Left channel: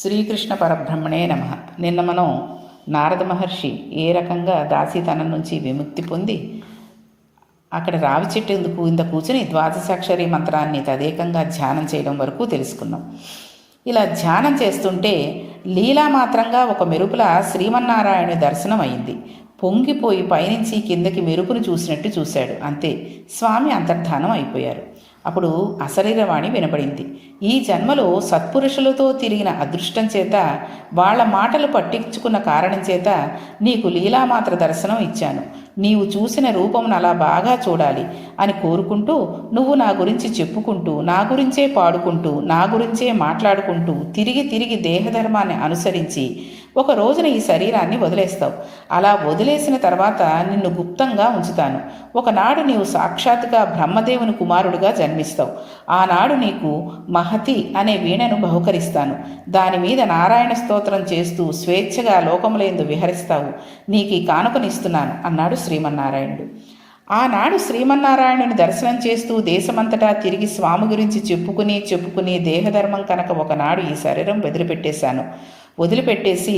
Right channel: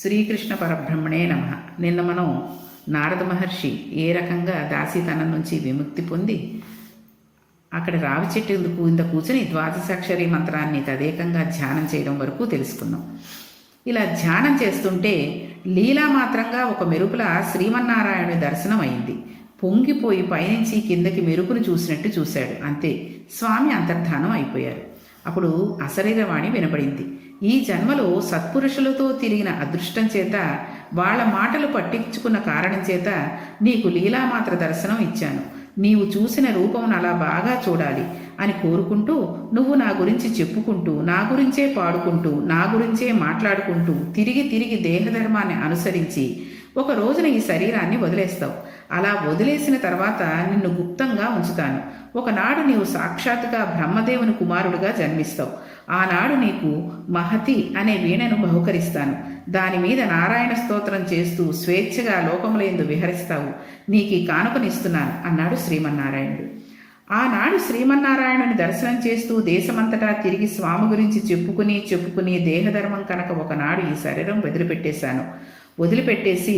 శ్రీకృష్ణ పరబ్రహ్మణే నమః. నిన్న మనం నారద మహర్షి ఏ రకంగా దాసీతనం నుంచి విముక్తి పొంది అక్కడ రావి చెట్టు కింద కూర్చుని ద్వాదశాక్షరి మంత్రాన్ని తదేకంగా ధ్యానం చేయడం వరకు తెలుసుకున్నాం. ఇలా ధ్యానం చేస్తుంటే లీలామాత్రంగా ఒక మెరుపుల శ్రీమన్నారాయణుని దర్శనం అయింది. పొంగిపోయి పైనుంచి కిందకి మెరుపును చూసినట్టు చూశాడు. అంతే, స్వామి అంతర్ధానం అయిపోయారు. అప్పుడు అశరీరవాణి వినపడింది. ఈ జన్మలో సత్పురుషులతో తిరిగిన అదృష్టం చేత, వాళ్ల మాటలు పట్టించుకున్న కారణం చేత నీకు లీలామాత్ర దర్శనం ఇచ్చాను. నీవు చూసిన రూపమును అలా బాగా చూడాలి అని కోరుకుంటూ, నువ్వు నా గురించి చెప్పుకుంటూ, నా గురించే పాడుకుంటూ, నా గురించే మాట్లాడుకుంటూ తిరిగి తిరిగి దేహధర్మాన్ని అనుసరించి ఒక రోజున ఈ శరీరాన్ని వదిలేస్తావు. అలా వదిలేసిన తర్వాత నిన్ను గుప్తంగా ఉంచుతాను. ఒకనాడు నీవు సాక్షాత్తుగా బ్రహ్మదేవుని కుమారుడిగా జన్మిస్తావు. ఆనాడు నీకు మహతి అనే వీణను బహుకరిస్తాను. దాని మీద నారాయణ స్తోత్రం చేస్తూ స్వేచ్ఛగా లోకములందు విహరిస్తావు. నీకు ఈ కానుకనిస్తున్నాను అన్నాడు శ్రీమన్నారాయణుడు. ఆనాడు శ్రీమన్నారాయణుని దర్శనం చేస్తూ దేశమంతటా తిరిగి స్వామి గురించి చెప్పుకుని దేహధర్మం కనుక ఒకనాడు ఈ శరీరం వదిలిపెట్టేసి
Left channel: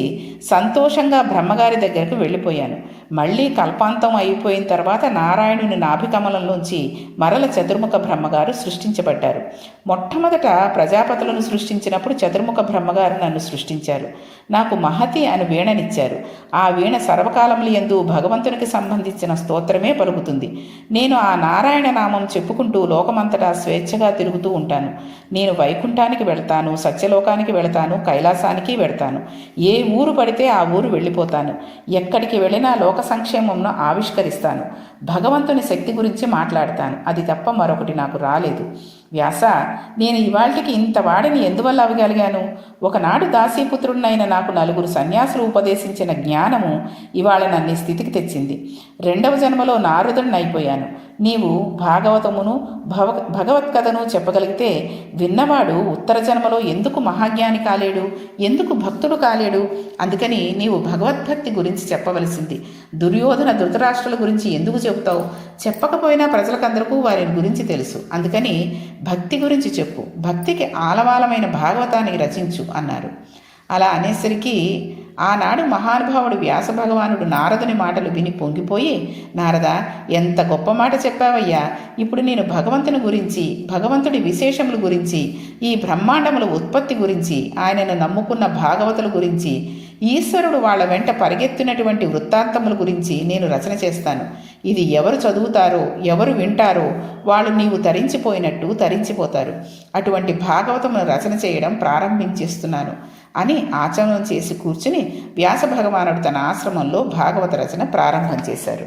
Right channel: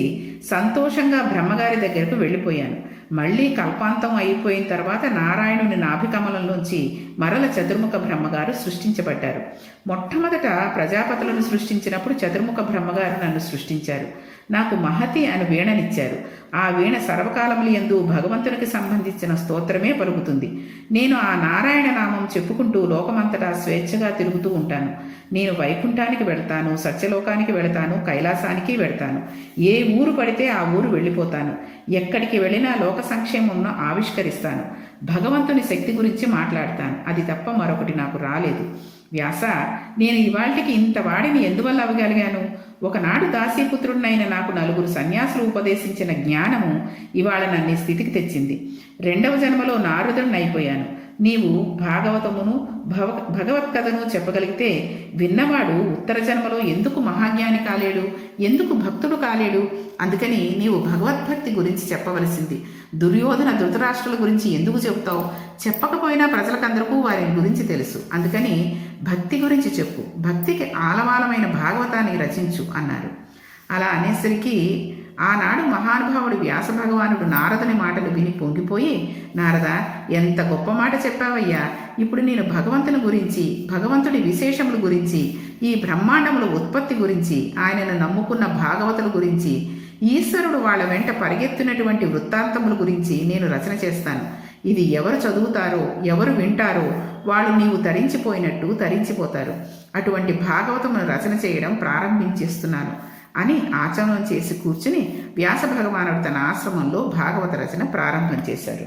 సంతోషంగా బ్రహ్మగారి దగ్గరకు వెళ్ళిపోయాను. మళ్ళీ కల్పాంతం అయిపోయిన తర్వాత నారాయణుని నాభికమలంలోంచి మరల చతుర్ముఖ బ్రహ్మగారు సృష్టించబడ్డారు. మొట్టమొదట ప్రజాపతులను సృష్టించినప్పుడు చతుర్ముఖ బ్రహ్మగారు నన్ను సృష్టించారు. నాకు మహతి అని వీణనిచ్చారు. ఆ వీణ సర్వకాలములు యందు భగవంతునికి సంబంధించిన స్తోత్రమే పలుకుతుంది. నేను ఆ నారాయణ నామం చెప్పుకుంటూ లోకమంతటా స్వేచ్ఛగా తిరుగుతూ ఉంటాను. నేను వైకుంఠానికి వెళతాను, సత్యలోకానికి వెళతాను, కైలాసానికి వెళతాను. ఏ ఊరు పడితే ఆ ఊరు వెళ్ళిపోతాను. ఎక్కడికి వెళ్ళినా లోక సంక్షేమంను ఆవిష్కరిస్తాను. భగవంతుని శక్తి గురించి మాట్లాడతాను. అది తప్ప మరొకటి నాకు రాలేదు. వ్యాస, నేను ఇవాళకి ఇంత వాడిని ఎందువల్ల అవ్వగలిగాను? ఒకనాడు దాసీపుత్రుడినైన నాకు నలుగురు సన్యాసులు ఉపదేశించిన జ్ఞానము ఇవాళ నన్ను స్థితికి తెచ్చింది. రెండవ జన్మలో నారదుడిని అయిపోయాను. నీవు భాగవతమును భగవత్కథను చెప్పగలిగితే విన్నవాడు ఉత్తర జన్మలో ఎందుకు మహాజ్ఞాని కాలేడు, ఎందుకు భక్తుడు కాలేడు? అందుకని నీవు భగవద్భక్తి గురించి చెప్పవలసింది. దుర్యోధన ధృతరాష్ట్రుల గురించి ఎందుకు చెబుతావు? చెప్పకపోయినా ప్రజలకందరికీ వారి గురించి తెలుసు. అందుకని భక్తి గురించి చెప్పు, భక్తికి ఆలవాలమైన భాగవతాన్ని రచించు అన్నారు. అలా అనేసరికి ఆనాడు మహానుభావుడు వ్యాస భగవానుడు నారదుని మాటలు విని పొంగిపోయి, నారద, ఎంత గొప్ప మాట చెప్పావయ్యా! ఇప్పుడు నేను భగవంతుని గురించి, భగవంతుడి విశేషముల గురించి, ఈ బ్రహ్మాండముల ఉత్పత్తి గురించి, ఆయనను నమ్ముకున్న భాగవతుల గురించి, ఈశ్వరుడు వాళ్ళ వెంట పరిగెత్తినటువంటి వృత్తాంతముల గురించి నేను రచన చేస్తాను. ఇది ఎవరు చదువుతారో, ఎవరు వింటారో వాళ్ళు నీవు తరించిపోయినట్టు తరించిపోతారు. అటువంటి భాగవతమును రచన చేయడం ప్రారంభించేస్తున్నాను అని ఆచమనం చేసి కూర్చుని వ్యాస భగవానుడు తన ఆశ్రమంలో భాగవత రచన ప్రారంభం చేశారు.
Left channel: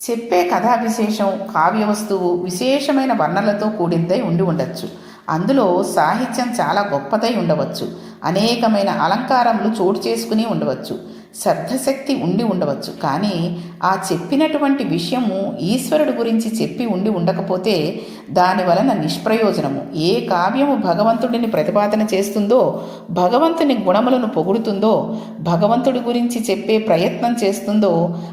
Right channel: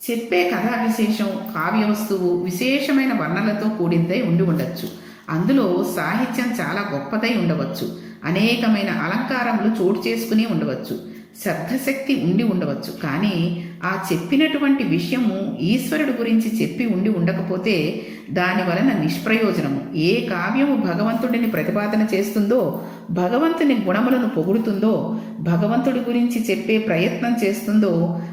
చెప్పే కథా విశేషం, కావ్య వస్తువు విశేషమైన వర్ణనలతో కూడిందై ఉండి ఉండవచ్చు. అందులో సాహిత్యం చాలా గొప్పదై ఉండవచ్చు. అనేకమైన అలంకారములు చోటు చేసుకుని ఉండవచ్చు. శబ్దశక్తి ఉండి ఉండవచ్చు. కానీ ఆ చెప్పినటువంటి విషయము ఈశ్వరుడు గురించి చెప్పి ఉండి ఉండకపోతే దాని వలన నిష్ప్రయోజనము. ఏ కావ్యము భగవంతుడిని ప్రతిపాదన చేస్తుందో, భగవంతుని గుణములను పొగుడుతుందో, భగవంతుడి గురించి చెప్పే ప్రయత్నం చేస్తుందో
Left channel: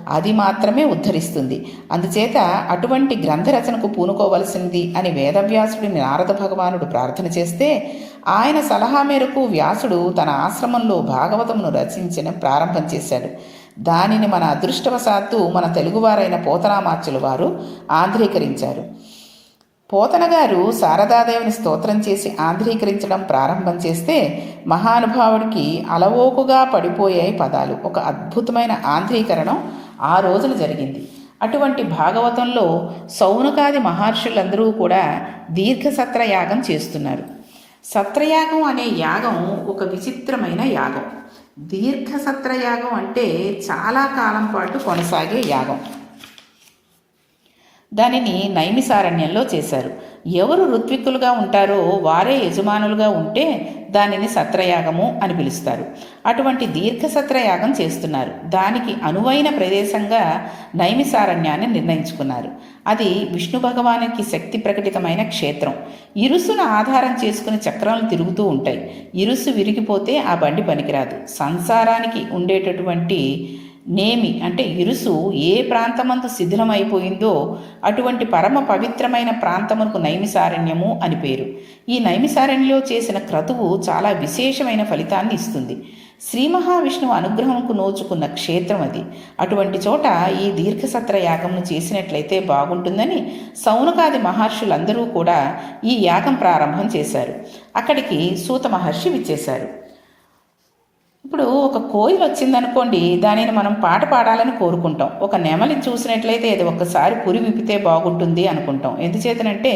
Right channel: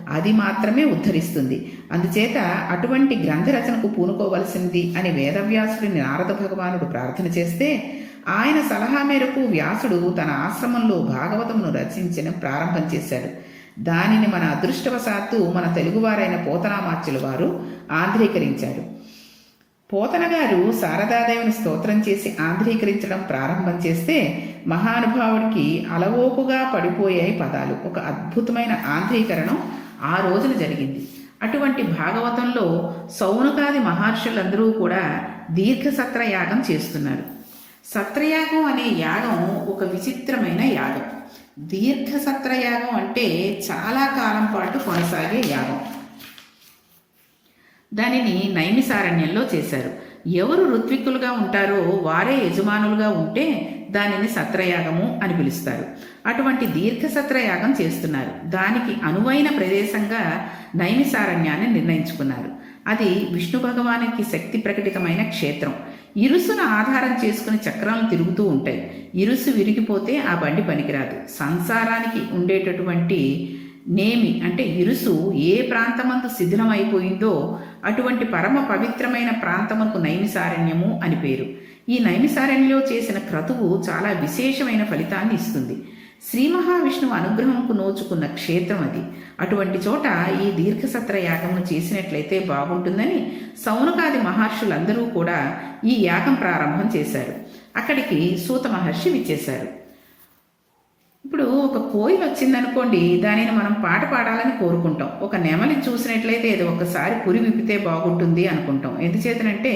అది మాత్రమే ఉద్ధరిస్తుంది. అందుచేత అటువంటి గ్రంథరచనకు పూనుకోవలసింది అని వేదవ్యాసుడిని నారద భగవానుడు ప్రార్థన చేస్తే, ఆయన సలహా మేరకు వ్యాసుడు తన ఆశ్రమంలో భాగవతమును రచించిన ప్రారంభం చేశాడు. దానిని మన అదృష్టవశాత్తు మన తెలుగువారైన పోతనామాచ్యుల వారు ఆంధ్రీకరించారు. పోతన గారు శారదాదేవిని స్తోత్రం చేసి ఆంధ్రీకరించడం ప్రారంభం చేస్తే మహానుభావుడికి అలవోకుగా పడిపోయాయి పదాలు. ఒక అద్భుతమైన ఆంధ్రీకరణం ఆ రోజున జరిగింది. అటువంటి భాగవతంలో సౌనకాది మహర్షులందరూ కూడా దీర్ఘసత్ర యాగం చేస్తున్నారు. సత్రయాగం అనే యాగం ఒక విచిత్రమైన యాగం. దీర్ఘసత్రయాగం అంటే చాలా కాలం పాటు కొనసాగే యాగం. దానిని నైమిసారణ్యంలో చేశారు. ఎవరు ఋత్విక్కులుగా ఉంటారో వారే యజమానులుగా ఉంటే దానిని సత్రయాగము అని పిలుస్తారు. అటువంటి దీర్ఘసత్రయాగం చేస్తున్నారు. దానికి అనువైన ప్రదేశంగా నైమిసారణ్యాన్ని నిర్ణయించుకున్నారు. అది విష్ణు భగవానికి శక్తి ప్రకటితమైన క్షేత్రం. ఇరుసును ఆధారం చేసుకుని చక్రాలు తిరుగుతూ ఉంటాయి. ఇరుసు విరిగిపోతే ఆ బండి పనికిరాదు. సంసారానికి ఉండేటటువంటి నేమి అంటే ఇరుసు ఏ ప్రాంతమందు శిథిలమైపోయిందో అటువంటి పరమ పవిత్రమైన ప్రాంతమునకు నైమిసారణ్యము అని పేరు. ఈ నైమిసారణ్యంలో చేసిన క్రతువు చాలా విశేషమైన ఫలితాన్ని ఇస్తుంది. శ్రీ మహావిష్ణువు అనుగ్రహంకు నోచుకున్న క్షేత్రం అది. అటువంటి చోట ఈ దీర్ఘసత్ర యాగంను చేసినట్లయితే బాగుంటుందని సౌనకాది మహర్షులందరూ కూడా ఈ యాగం ప్రారంభం చేశారు. అక్కడికి సూత మహర్షి విచ్చేశారు. ఇప్పుడు ఒక కోయిల వచ్చిందనుకోండి, దానిని మనం పాట పాడాలని కోరుకుంటాం. ఒక నెమలిని చూసినట్లయితే ఇది ఒక్కసారి పురి విప్పితే బాగుంటుంది అనుకుంటాం. ఎందుచేతనంటే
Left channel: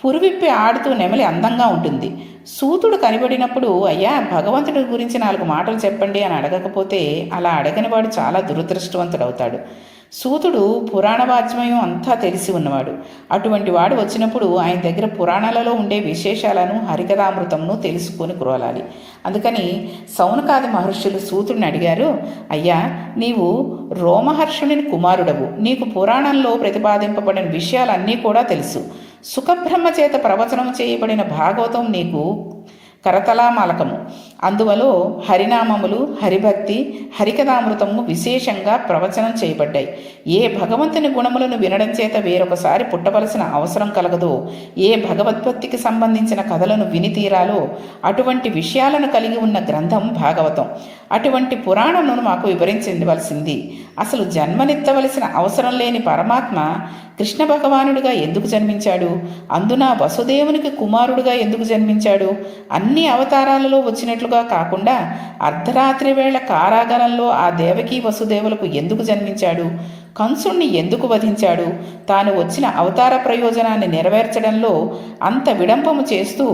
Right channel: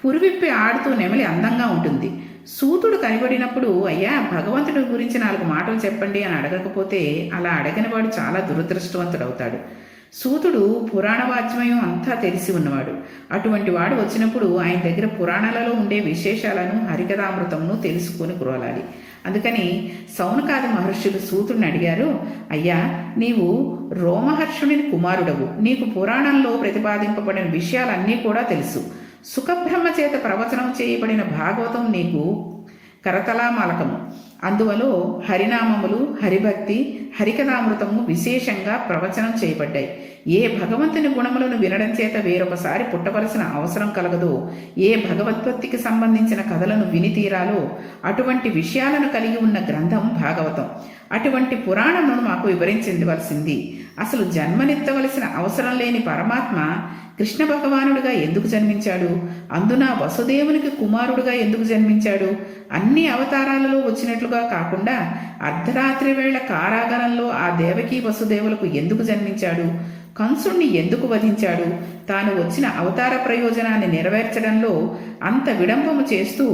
పురి విప్పి ఆడుతూ నెమలి అందంగా ఉంటుంది. సూతుడు కనిపడినప్పుడు అయ్యా భగవంతుడి గురించి 4 మాటలు చెప్పండి అని అడగకపోతే అలా అడగని వాడు చాలా దురదృష్టవంతుడవుతాడు. సూతుడు పురాణ వాజ్మయం అంతా తెలిసి ఉన్నవాడు. అటువంటి వాడు వచ్చినప్పుడు ఆయన దగ్గర పురాణాలలో ఉండే విశేషాలను హరికథామృతంను తెలుసుకొని కురవాలి. అందుకని సౌనకాది మహర్షులు సూతుడిని అడిగారు, అయ్యా నీవు రోమహర్షుని కుమారుడవు, నీకు పురాణంలో ప్రతిపాదింపబడిన విషయాలన్నీ కూడా తెలుసు. సుఖబ్రహ్మ చేత ప్రవచనం చేయబడిన భాగవతం నీకు కరతలామలకము. అందువలో హరినామములు, హరిభక్తి, హరికథామృతము విశేషంగా ప్రవచనం చేయబడ్డాయి. ఏ భగవంతుని గుణములను వినడం చేత వేరొకసారి పుట్టవలసిన అవసరం కలగదో, ఏ భగవద్భక్తికి సంబంధించిన కథలను విని తీరాలో అటువంటి విషయాలను కలిగి ఉన్న గ్రంథం భాగవతం. అటువంటి పురాణమును మాకు వివరించవలసింది. అసలు జన్మనెత్తవలసిన అవసరం లేని పరమాత్మ కృష్ణ భగవానుడిగా ఎందుకు జన్మించాడు? అందున వసుదేవునికి కుమారుడుగా ఎందుకు జన్మించాడు? అన్ని అవతారాలలో వచ్చినట్లుగా కాకుండా అర్ధరాత్రి వేళ కారాగారంలో ఆ దేవకీ వసుదేవులకు ఎందుకు జన్మించాడు? కంసుణ్ణి ఎందుకు వధించాడు? తాను వచ్చిన అవతార ప్రయోజనాన్ని నెరవేర్చడంలో అంత విడంబము చేస్తూ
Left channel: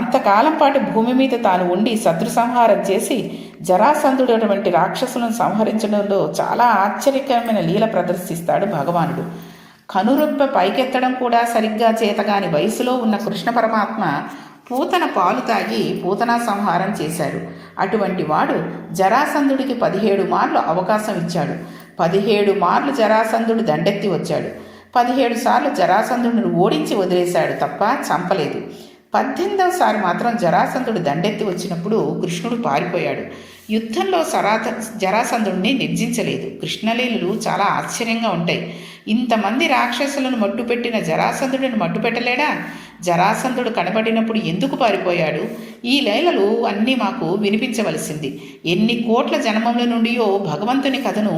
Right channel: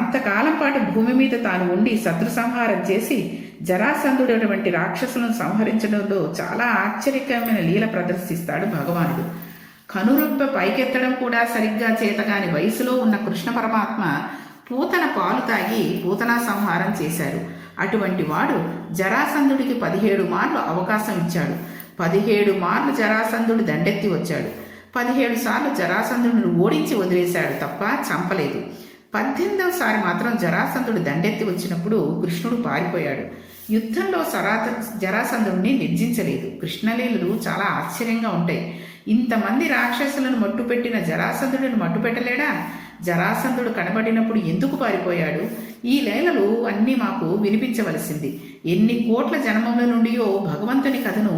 అంతకాలం పాటు భూమి మీద తాను ఉండి శత్రు సంహారం చేసి జరాసంధుడటువంటి రాక్షసులను సంహరించడంలో చాలా ఆశ్చర్యకరమైన లీల ప్రదర్శిస్తాడు భగవానుడు. కనురెప్ప పైకెత్తడం కూడా సరిగ్గా చేతగాని వయసులో ఉన్న కృష్ణ పరమాత్మ పూతన పాలు తాగి పూతనా సంహారం చేశాడు. అటువంటి వాడు జరాసంధుడికి 17 మార్లు అవకాశం ఇచ్చాడు. 17 మార్లు జరాసంధుడు దండెత్తి వచ్చాడు. 17 సార్లు జరాసంధుడిని ఓడించి వదిలేశాడు తప్ప చంపలేదు. 18వ సారి మాత్రం జరాసంధుడు దండెత్తి వచ్చినప్పుడు కృష్ణుడు పారిపోయాడు. యుద్ధంలో జరాసంధుడిని నిర్జించలేదు. కృష్ణలీలలు చాలా ఆశ్చర్యంగా ఉంటాయి. ఇంతమంది రాక్షసులను మట్టుపెట్టిన జరాసంధుడిని మట్టుపెట్టలేడా? జరాసంధుడు కనబడినప్పుడు ఎందుకు పారిపోయాడు? ఈ లీలలు అన్నీ మాకు వినిపించవలసింది. ఎన్ని కోట్ల జన్మముల నుండియో భగవంతుని కథను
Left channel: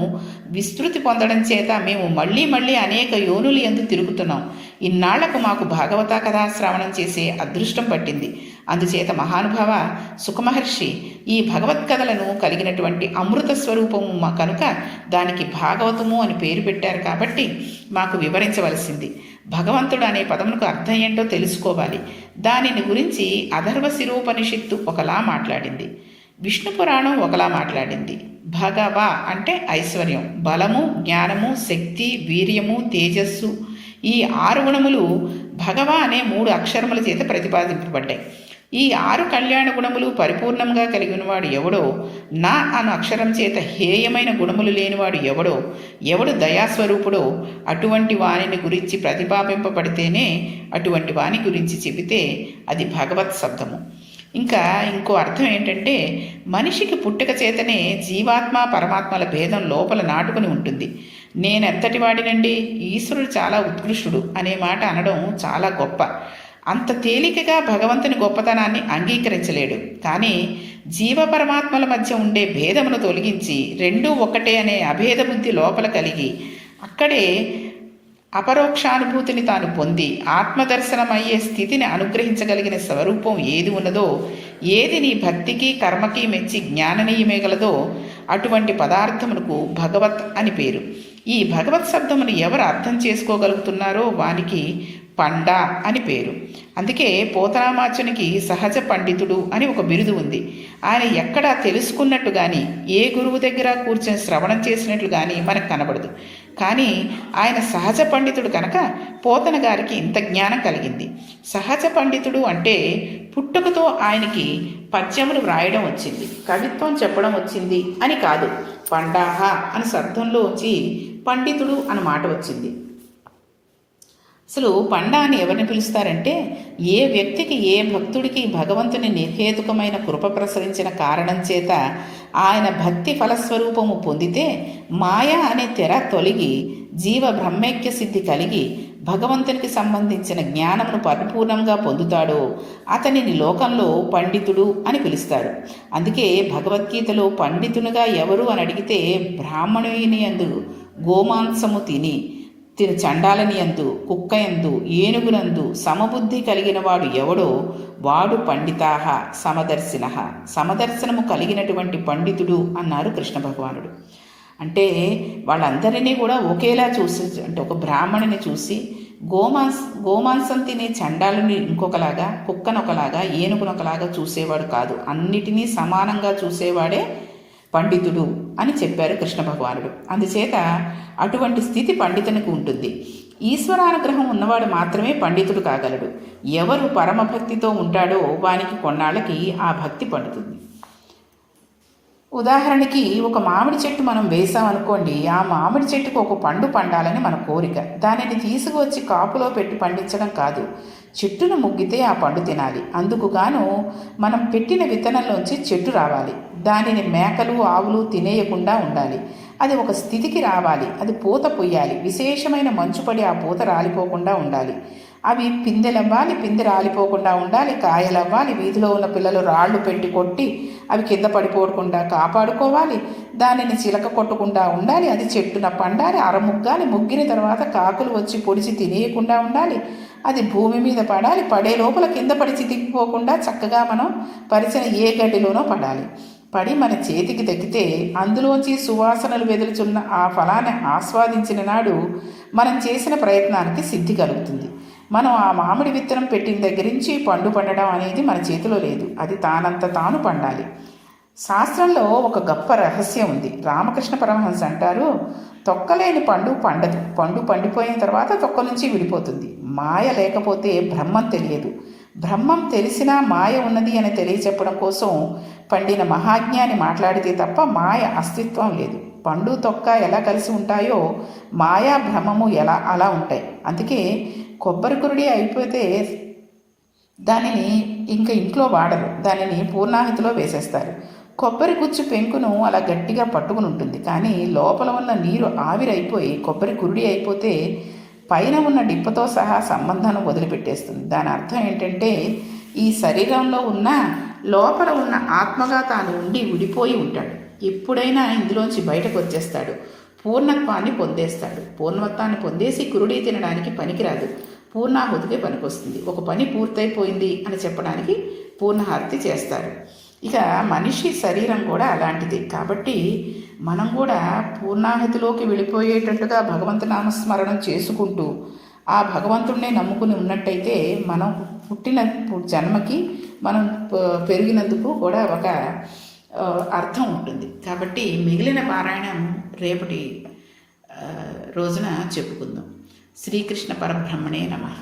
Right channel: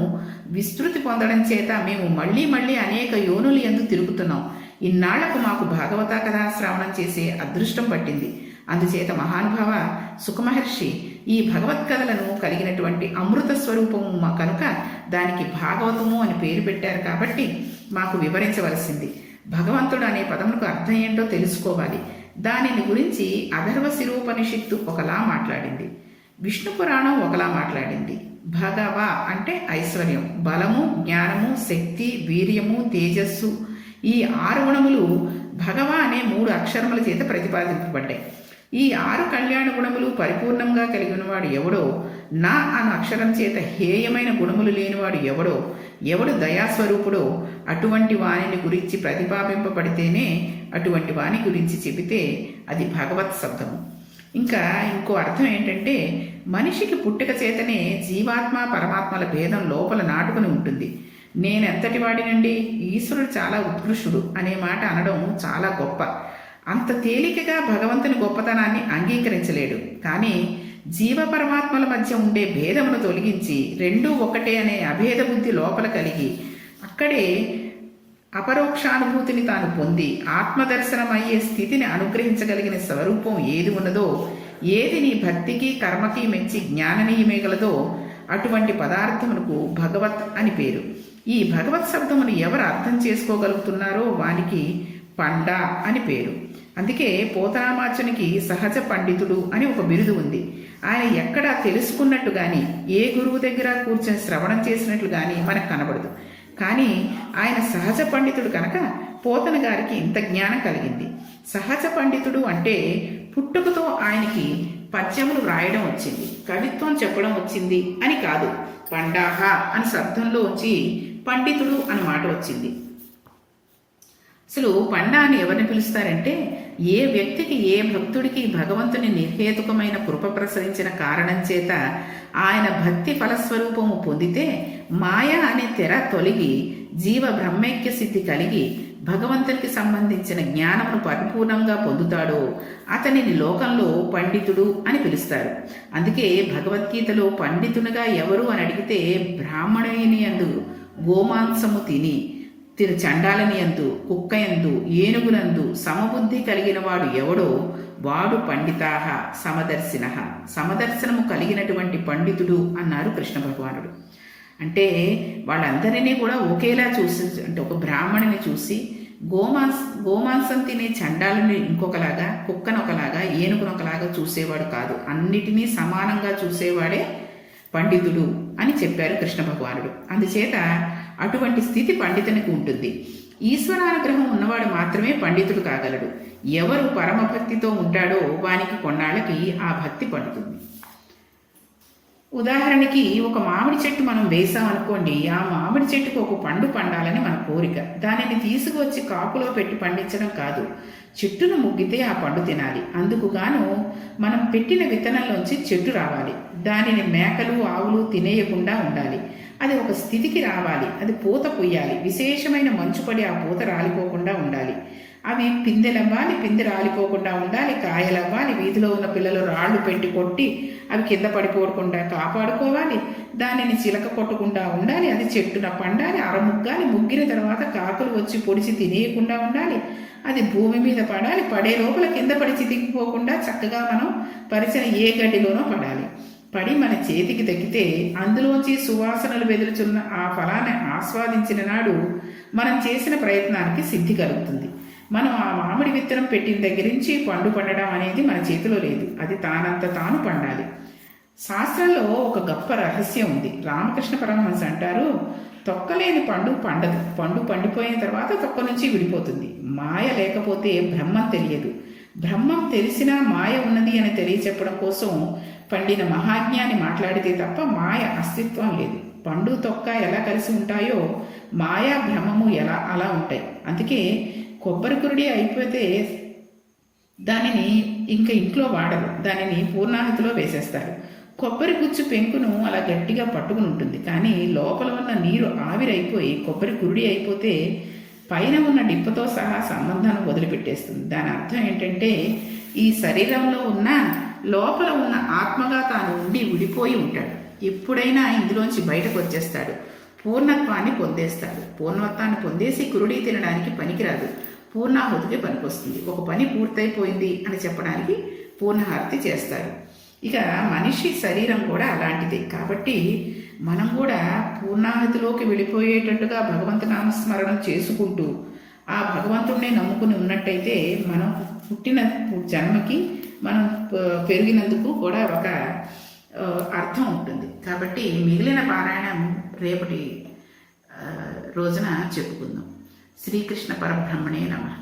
విస్తృతి పొందడం చేత మేము మళ్ళీ మళ్ళీ అనేక యోనులు యందు తిరుగుతున్నాం. ఇన్నాళ్లకు మాకు భాగవత కథా శ్రవణం చేసే అదృష్టం పట్టింది. అందుచేత మహానుభావ సుఖమహర్షి ఈ భగవత్కథలను కలిగినటువంటి అమృత స్వరూపము కనుక దానికి భాగవతము అని పేరు పెట్టారు. కాబట్టి మాకు వివరించవలసింది. భగవంతుడు అనే పదములకు అర్థం ఏంటో తెలుసుకోవాలి. దానిని గురించి అథర్వ శిరోపనిషత్తు ఒకలా మాట్లాడింది, విష్ణు పురాణం ఒకలా మాట్లాడింది. భగవ అంటే ఐశ్వర్యం, బలము, జ్ఞానము, శక్తి, వీర్యము, తేజస్సు, ఈ 6 గుణములు భగవ అనే 3 అక్షరముల చేత ప్రతిపాదింపబడ్డాయి. ఈ 6 కళ్యాణ గుణములు పరిపూర్ణంగా కలిగినవాడు ఎవడో, నా అను అక్షరం చేత హేయమైన గుణములు లేనివాడు ఎవడో, ఎవడు దయాస్వరూపుడో అటువంటి వాణిని గురించి ప్రతిపాదింపబడితేనే అటువంటి వాణి గురించి చెబితే అది భగవత్ శబ్దము. ఇంకా ఇంకో అర్థం ఏంటంటే మనిషికి పుట్టుక చేతనే జీవాత్మ పరమాత్మల భేదం లోపల నాటుకుని ఉంటుంది. నేనెంతటి వాడినండి, ఈశ్వరుడు చాలా ఉత్కృష్టుడు అనే మాట అనడం చాలా గొప్ప. అంత తేలికగా భగవంతుని గొప్పతనాన్ని అంగీకరించలేడు. కానీ జీవ పరమాత్మల మధ్య ఉండే భేదమును తొలగించి రెండూ ఒకటే అనే అభేద బుద్ధి లోపల కలిగి అక్కడే అపరోక్షానుభూతిని తాను పొంది ఆత్మదర్శనమయ్యే స్థితిని అనుగ్రహించగలిగిన స్వరూపం ఏది ఉన్నదో, ఏది నీ భక్తికి కర్మకి మెచ్చి జ్ఞాననీయమేగలదో అటువంటి పదార్థమునకు భగవత్ అని పేరు. ఈ భగవత్ శబ్దమును ఎవరు అర్థం చేసుకోగలుగుతున్నారో వానికి పండ అని పేరు. అందుకే పోతనామాచునికి సహజ పండితుడు అని ఒక బిరుదు ఉంది. ఆయన ఎక్కడా తెలుసుకున్నట్టు కానీ ఏ గురువు దగ్గర కూర్చొని శ్రవణం చేసినట్లు కానీ మనకు కనబడదు. కానీ ఆయన సహజ పండితుడు కనుక పోతన గారికి ఇంత జ్ఞానం కలిగింది. సహజ పండితుడు అంటే పుట్టుకతో ఆయనకి పద్యములు వ్రాయడం వచ్చింది, కవిత్వం చెప్పడం వచ్చింది అని కాదు. పండాహ అని శబ్దంలో వచ్చి పండితుడు అన్న మాట వచ్చింది. అసలు పండా అని ఎవరిని పిలుస్తారంటే ఏ వ్యక్తికి, ఏ భక్తుడికి భగవంతుని నిర్హేతుకమైన కృప ప్రసరించిన కారణం చేత ఆయన భక్తి ఫలస్వరూపము పొందితే మాయ అనే తెర తొలగి జీవ బ్రహ్మైక్య సిద్ధి కలిగి భగవంతునికి సంబంధించిన జ్ఞానమును పరిపూర్ణంగా పొందుతాడో అతనిని లోకంలో పండితుడు అని పిలుస్తారు. అందుకే భగవద్గీతలో పండితునిగా ఎవరు అని అడిగితే బ్రాహ్మణుని యందు గోమాంసము తిని చండాలని యందు కుక్కయందు ఏనుగునందు సమబుద్ధి కలిగిన వాడు ఎవడో వాడు పండితాహ సమదర్శనము కలిగినటువంటి పండితుడు అన్నారు కృష్ణ భగవానుడు. అంటే వాళ్ళందరినీ కూడా ఒకేలా చూసి, అంటే ఒక బ్రాహ్మణిని చూసి గోమాంసం తినే చండాలని ఇంకొకలాగా, కుక్కను ఒకలాగా, ఏనుగును ఒకలాగా చూసేవాడు కాదు, అన్నిటినీ సమానంగా చూసేవాడే పండితుడు అని చెప్పారు కృష్ణ భగవానుడు. అందుచేత అటువంటి స్థితి పండితునికి ఉంటుంది. ఈశ్వరానుగ్రహం ఉన్నవాడు మాత్రమే పండితుడు కాగలడు. ఎవరు పరమభక్తితో ఉంటాడో వానికి కొన్నాళ్ళకి ఆ భక్తి పండుతుంది. ఉదాహరణకి ఒక మామిడి చెట్టు మనం వేసామనుకోండి, ఆ మామిడి చెట్టుకు ఒక పండు పండాలని మన కోరిక. దానిని తీసుకువచ్చి కాపులో పెట్టి పండించడం కాదు, చెట్టును ముగ్గితే ఆ పండు తినాలి. అందుకు గాను మనం పెట్టిన విత్తనంలోంచి చెట్టు రావాలి. దానిని మేకలు ఆవులు తినేయకుండా ఉండాలి. అది ఒక స్థితికి రావాలి. అది పూత పొయ్యాలి. విశేషమైన మంచు పడి ఆ పూత రాలిపోకుండా ఉండాలి. అవి పిందెలవ్వాలి, పిందె రాలిపోకుండా ఉండాలి. కాయలవ్వాలి. వీధిలో ఉన్న పిల్లలు రాళ్ళు పెట్టి కొట్టి అవి కింద పడిపోకుండా కాపాడుకోవాలి. దానిని చిలక కొట్టకుండా ఉండాలి. అది చెట్టున పండాలి, అరముగ్గాలి. ముగ్గిన తర్వాత కాకులు వచ్చి పొడిచి తినేయకుండా ఉండాలి. అది భూమి మీద పడాలి. పడే లోపల కింద పడి చితికిపోకుండా చక్కగా మనం పరిచిన ఏ గడ్డిలోనో పడాలి. పడి మన చేతికి దక్కితే అందులోంచి సువాసనలు వెదులుచున్న ఆ ఫలాన్ని ఆస్వాదించిన నాడు మనం చేసిన ప్రయత్నానికి సిద్ధి కలుగుతుంది. మనం ఆ మామిడి విత్తనం పెట్టిన దగ్గర నుంచి పండు పండడం అనేది మన చేతిలో లేదు. అది తానంత తాను పండాలి. శాస్త్రంలో ఒక గొప్ప రహస్యం ఉంది. రామకృష్ణ పరమహంస అంటారు, తొక్కలేని పండు పండదు. పండు పండిపోయిన తర్వాత తొక్క నుంచి విడిపోతుంది. మాయ లేకపోతే బ్రహ్మం తెలియదు. బ్రహ్మం తెలిసినా మాయ ఉన్నది అని తెలియచెప్పడం కోసం పండిన మహాజ్ఞాని మాట్లాడితే తప్ప మాయ అస్తిత్వం లేదు. పండు తొక్క ఎలా కలిసి ఉంటాయో మాయా భ్రమము అలా ఉంటాయి. అందుకే కొబ్బరి కురుడి అయిపోతే దానిని ఇంకా ఇంట్లో వాడరు, దానిని పూర్ణాహతిలో వేసేస్తారు. కొబ్బరి గుచ్చు పెంకును అలా గట్టిగా పట్టుకుని ఉంటుంది, కానీ లోపల ఉన్న నీరు ఆవిరైపోయి కొబ్బరి కురుడి అయిపోతే పైన ఉన్న డిప్పతో సహా సంబంధాన్ని వదిలిపెట్టేస్తుంది. దాని అర్థం ఏంటంటే ఈ శరీరంలో ఉన్న లోపల ఉన్న ఆత్మగా తాను ఉండి విడిపోయి ఉంటాడు. ఎప్పుడైనా ఇందులోంచి బయటకు వచ్చేస్తాడు, పూర్ణత్వాన్ని పొందేస్తాడు. పూర్ణత్వాన్ని పొందేసి కురుడి తినడానికి పనికిరాదు, పూర్ణాహుతికి పనికొస్తుంది. ఒక పని పూర్తయిపోయింది అని చెప్పడానికి పూర్ణాహుతి చేస్తారు. ఇక మనిషి శరీరం కూడా అలాంటిది. కాబట్టి మనం కూడా పూర్ణాహతిలోకి వెళ్ళిపోయేటట్టుగా భగవంతు నామస్మరణం చేసుకుంటూ ఆ భగవంతుడినే నమ్ముకుని ఉన్నట్టయితే మనం పుట్టిన జన్మకి మనం పెరిగినందుకు కూడా ఒక అర్థం ఉంటుంది. కాబట్టి మిగిలిన పారాయణం రేపటి రోజున చెప్పుకుందాం. శ్రీకృష్ణ పరబ్రహ్మణే నమః.